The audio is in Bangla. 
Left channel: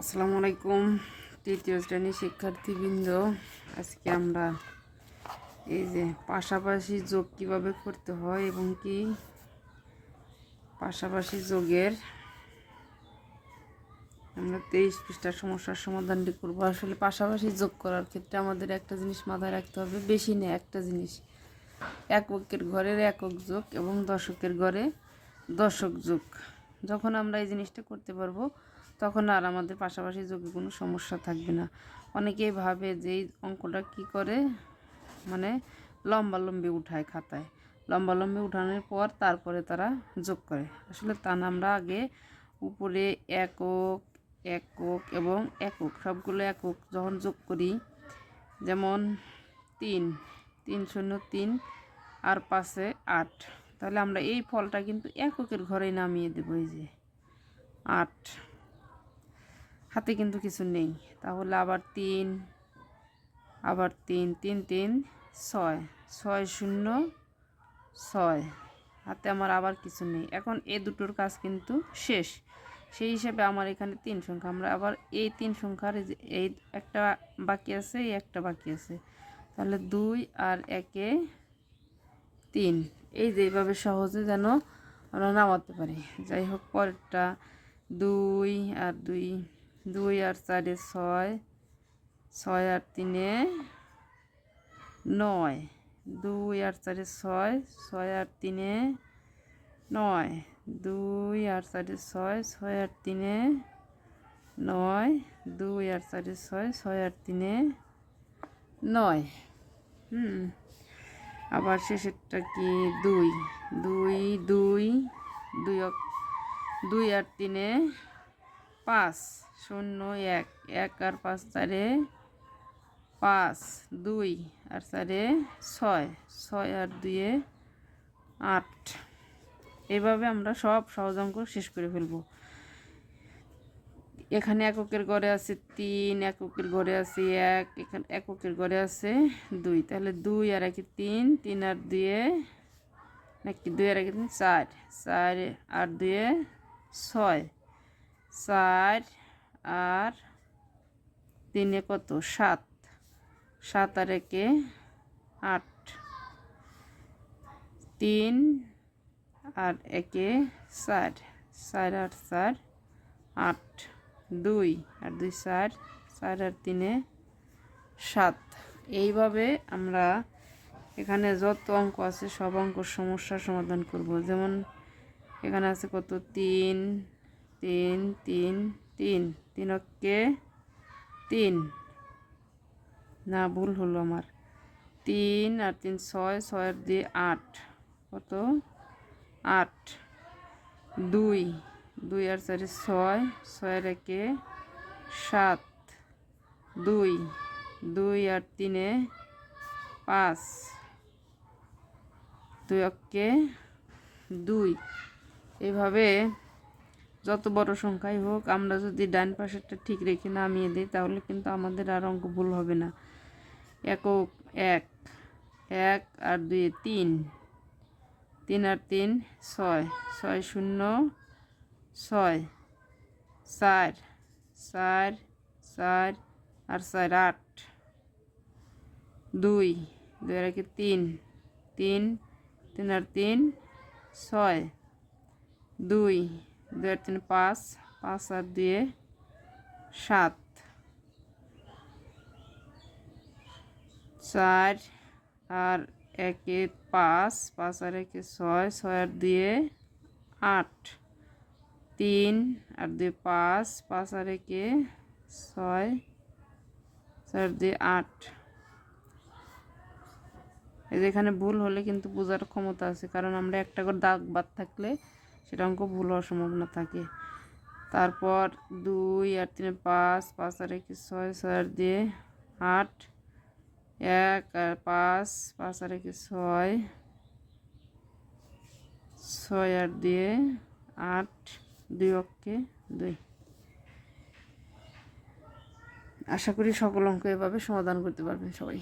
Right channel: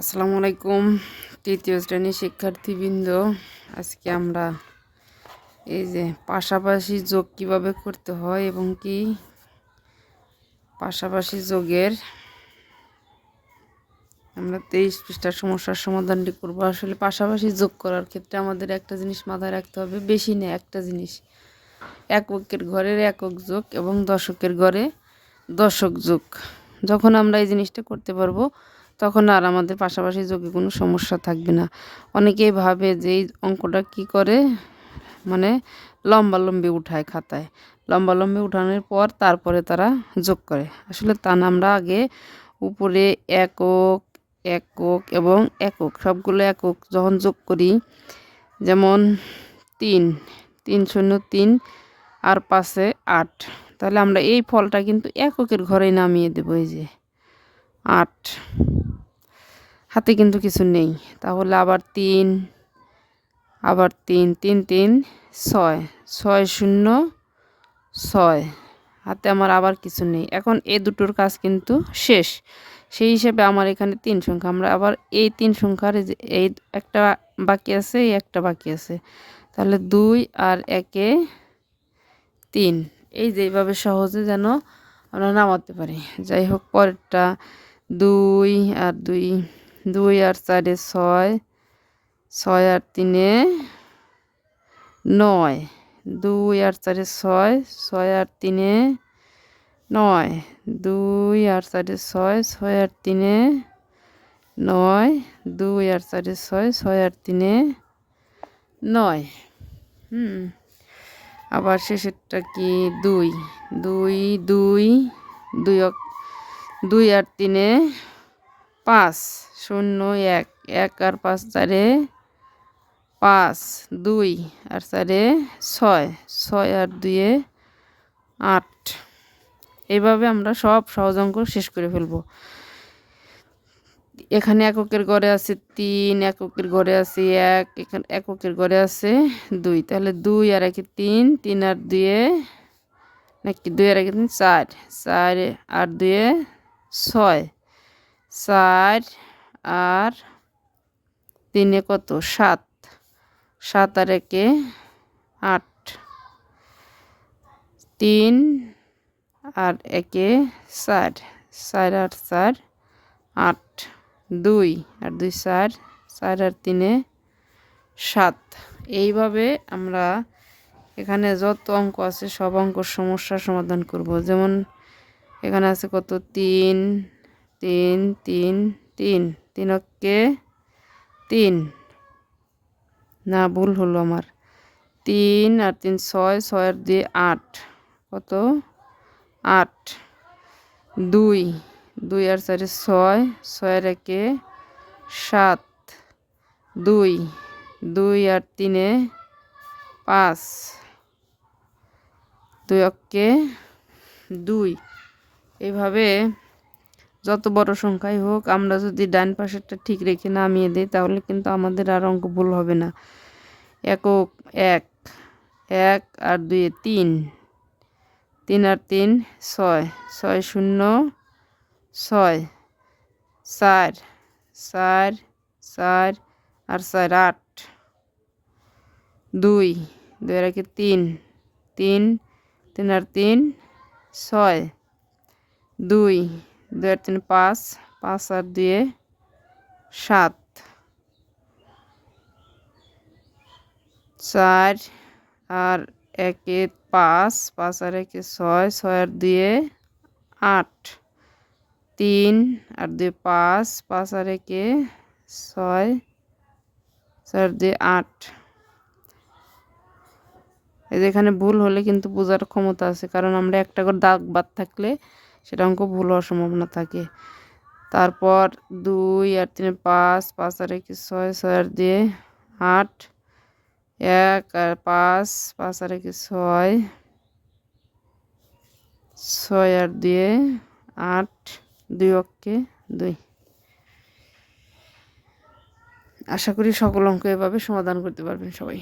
আসসালামু আলাইকুম, তৃতীয় শ্রেণির শিক্ষার্থীবৃন্দ। আজকে আমরা এই যে পাশাপাশি যোগ কীভাবে করতে হয় এবং কি পাশাপাশি যোগের আমরা তেইশ পৃষ্ঠার সমস্যার সমাধানটি করব। আসলে পাশাপাশি যোগ করার ক্ষেত্রে আমাদের একটা জিনিস মাথায় রাখতে হবে, বেশি নেই একটা জিনিস। এককের ঘরের একক যোগ এবং দশকের ঘরে দশক যোগ। যখন আমরা এই জিনিসটা করতে পারব তখন আর আমাদের পাশাপাশি যোগে কোনো সমস্যা থাকবে না। অনেকেই ভাবে যে এই অঙ্কটা কি করে? মানে লম্বালম্বি উঠায় খাতায়। লম্বালম্বি উঠানোর পর তারপরে তারা যোগ করে। আসলে তা না, আমরা আগে উপরে একক একক এবং একক, সবগুলো একক যখন যোগ করি, যেমন তিন তিন শূন্য তিন আর পাশে আট, তাহলে আমরা এই ফলটা কিন্তু এককের ঘরেই নামিয়ে দেবো এই যে আট। হাতে কিন্তু কিছু নেই। তাহলে আবার তিন আবার তিন তিন তিন, ছয় ছয় শূন্য, ছয়। হাতে আমার আবার কিছু নেই। এখন এ দুটোর কাজ কিন্তু শেষ। সেই হিসেবে আমার এখানে তিন সংখ্যা। আমরা আবার এই তিন সংখ্যার এই একটা বাকি আছে, এই একটা বাকি আছে। তাহলে দুই আর একে তিন। এই যে এইভাবে সহজে যেন আমরা নামাতে পারি। যাই হোক, পরেরটা দুই আর দুই দুই আর চারে ছয় ছয় আর তিনে নয়। দুই আর চারে ছয় ছয় আর তিনে নয়। দুই আর চারে ছয় ছয় আর তিনে নয়। দুই আর চারে ছয় ছয় আর তিনে নয়। হুম, আবার শেষেরটা কি? দুই। দুই দুই দুই দুই আর তিনে পাঁচ, শূন্য, এক এক আর পাঁচ চারে পাঁচ, দুই আর চারে ছয় ছয় আর দুয়ে আট। এইভাবে আমরা সব সহজ অঙ্ক শেষ করে ফেলব। এখানে এককের ঘরে আছে তিন, এককের ঘরে আছে এক, এখানে এককের ঘরে আছে দুই। তাহলে দুই আর একে তিন তিন আর দুয়ে নাকি দুই আর একে তিন? চার চার আর দুয়ে ছয়। চার আর তিনে কত? সাত। সাত আর একে আট। তিন আর একে চার। চার আর চার, আট। দুই আর দুই চার চার আর তিনে সাত। এইভাবে আমরা এখানে যত অঙ্ক আছে সব অঙ্ক সমস্যার সমাধান করব। যেমন এখানে আছে কত? তিন তিন তিন তিন। তিনকে তিন। না, ভুল হলো আমার। তিন আর তিন ছয় ছয় আর দুই আট। কত? আট। দুই। দুই আর চারে ছয়, ছয়ের একে সাত। দুই। দুই আর তিনে পাঁচ। দুই অক্কে দুই। এভাবে যত বড় সংখ্যাই হোক, আমরা যদি ডান পাশেরটা ঠিক রেখে নামিয়ে দিই, তাহলে কিন্তু আমাদের আর অঙ্ক ভুল হবে না। একক এক এক আর দুই তিন তিন আর তিন ছয় ছয় শূন্য ছয়, চার চার চার আর চার আট, দুই দুই আর একে তিন তিন তিন আর তিন ছয়, দুই দুই তিন, পাঁচ পাঁচ আর দুয়ে সাত। চার আর একে পাঁচ পাঁচ আর একে ছয় ছয় আর দুয়ে আট। তিন আর দুই পাঁচ পাঁচ আর একে ছয় ছয় আর দুই আট। এই যেখানে ভুল হলে কিন্তু বোঝার ক্ষমতা আছে, কারণ আমরা একটা করে দাগ বাদ থাকলে সেটা অঙ্ক ভুল হওয়ার সম্ভাবনা থাকে। তারপর দুই আর তিনে পাঁচ পাঁচ আর একে ছয় ছয় আর দিয়ে আট, এক, আর পাঁচ পাঁচ আর একে ছয় ছয় আর দিয়ে আট, দুই অক্ষে দুই। আশা করি সকল অঙ্ক এভাবে সমাধান করতে পারবেন সবাই।